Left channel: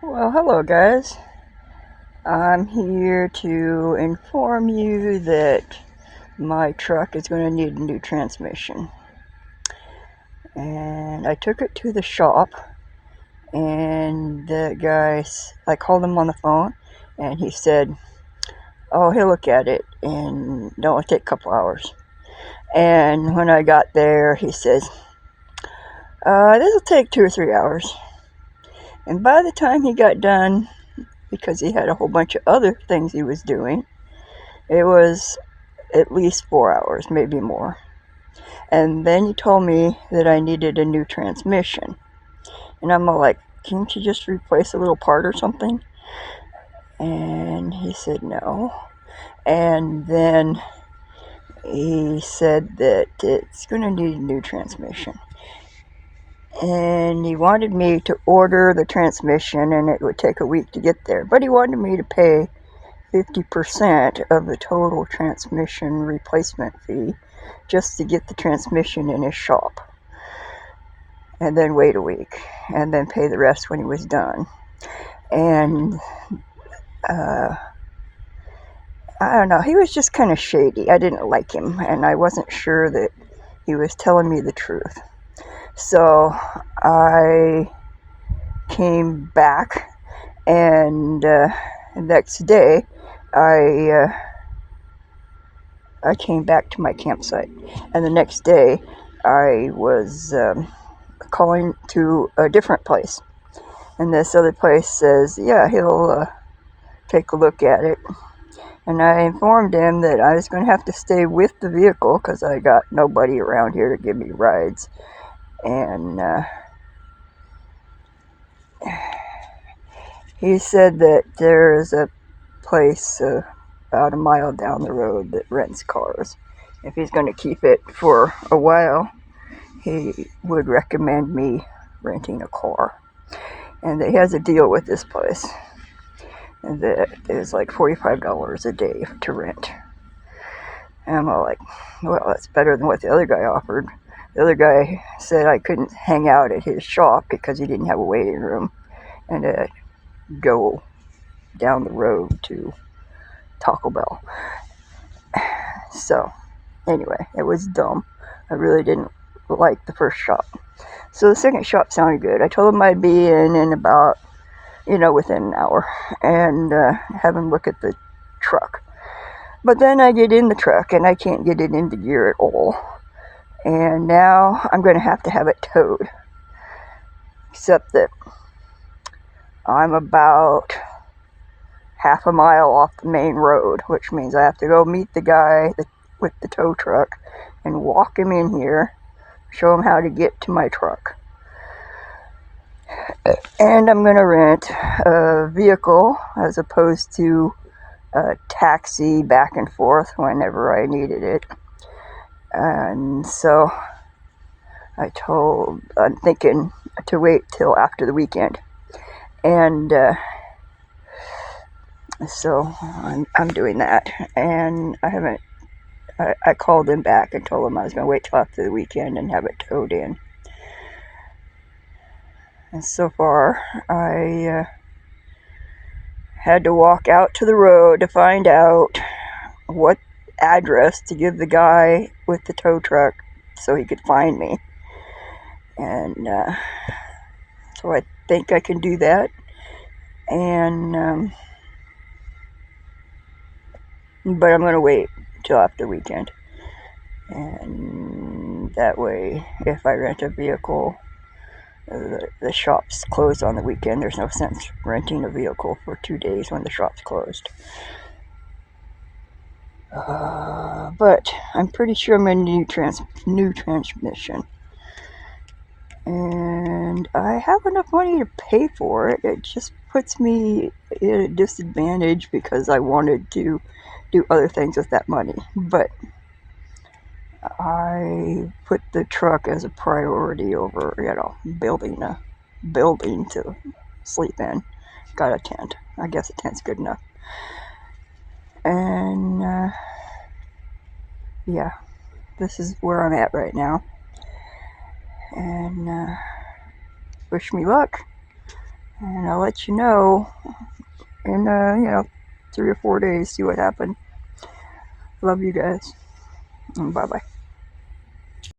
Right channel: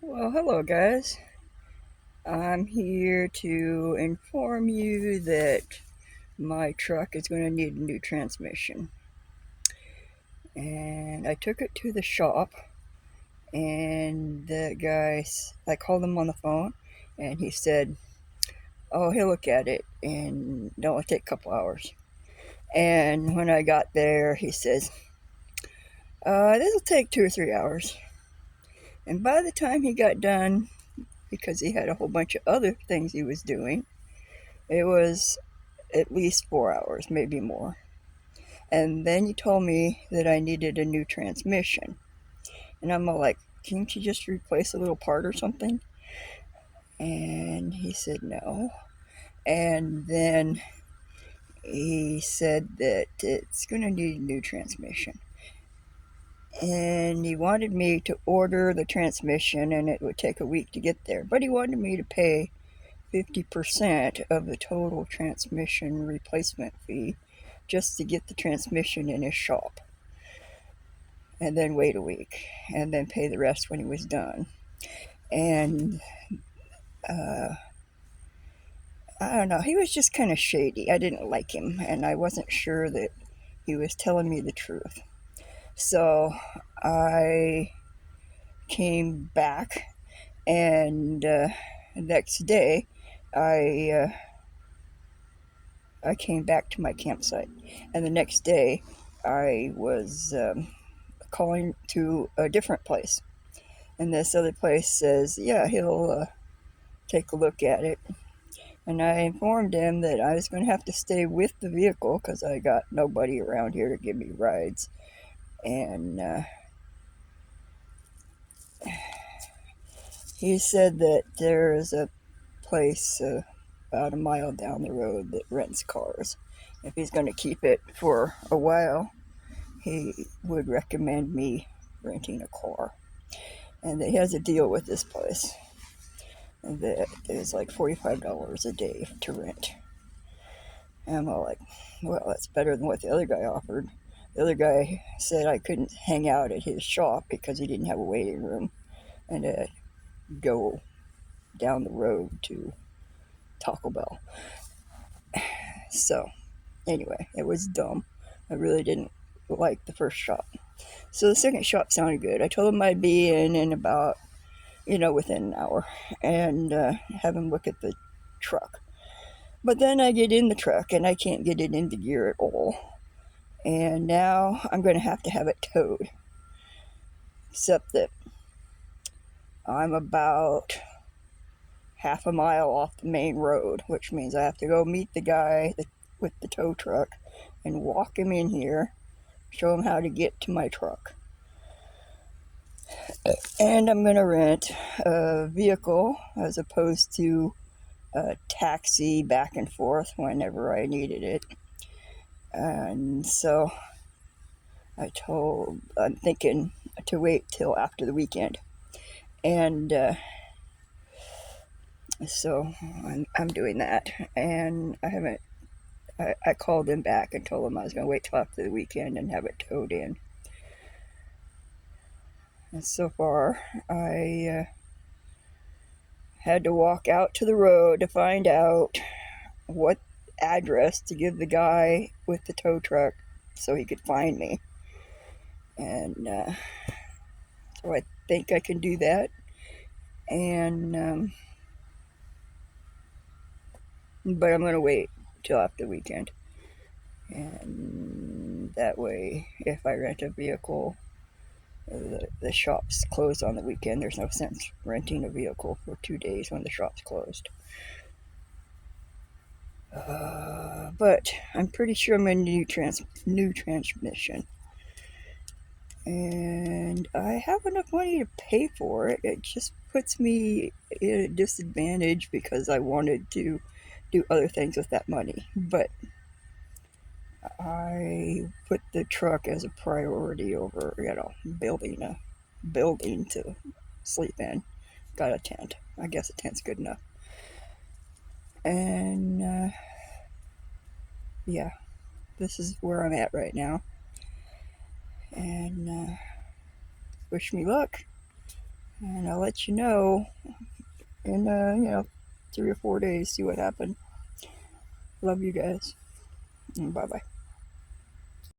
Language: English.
Well, hello guys. I'm here to inform you that my truck is going to need a new transmission. And I took it to the shop, and the guy, I called him on the phone, and he said, oh, he'll look at it, and it'll only take a couple hours. And when I got there, he says, this will take 2 or 3 hours. And by the time he got done, because he had a whole bunch of other things he was doing, it was at least 4 hours, maybe more. And then he told me that I needed a new transmission. And I'm all like, can't you just replace a little part or something? And he said no. And then he said that it's going to need a new transmission. And he wanted me to order the transmission, and it would take a week to get there. But he wanted me to pay 50% of the total transmission replacement fee just to get the transmission in his shop, and then wait a week, and then pay the rest when he was done. And I don't know, he was just kind of shady. I didn't like him, and I wasn't sure that he was telling me the truth. So I came back, and the next day I came back to my campsite, and the next day I was calling to a different place, and this other place says, yeah, he'll take a look at it. And I informed him that I was going to have to stay with the vehicle because I got nobody around here to give me rides. And he said that there is a place about a mile down the road that rents cars. If he's going to keep it for a while, he would recommend me renting a car. And he has a deal with this place, and that is like $45 a day to rent. And I'm all like, well, that's better than what the other guy offered. The other guy said I couldn't hang out at his shop because he didn't have a waiting room, and go down the road to Taco Bell. So anyway, it was dumb. I really didn't like the first shop. So the second shop sounded good. I told him I'd be in about, within an hour, and have him look at the truck. But then I get in the truck and I can't get it into gear at all. And now I'm going to have it towed. Except that I'm about half a mile off the main road, which means I have to go meet the guy with the tow truck and walk him in here, show him how to get to my truck. And I'm going to rent a vehicle as opposed to a taxi back and forth whenever I needed it. And so I'm thinking to wait till after the weekend. And so I'm doing that. And I called him back and told him I was going to wait till after the weekend and have it towed in. And so far, I had to walk out to the road to find out what address to give the guy with the tow truck so he could find me. And so I think I can do that. And but I'm going to wait till after the weekend. And that way, if I rent a vehicle, the shop's closed on the weekend. There's no sense renting a vehicle for 2 days when the shop's closed. But I'm pretty sure I'm going to need new transmission. And I have enough money to pay for it. It just puts me at a disadvantage because I wanted to do other things with that money. But I put the truck as a priority over, building a building to sleep in. Got a tent. I guess a tent's good enough. And yeah, this is where I'm at right now. And wish me luck. And I'll let you know in, 3 or 4 days, see what happened. Love you guys. Bye bye.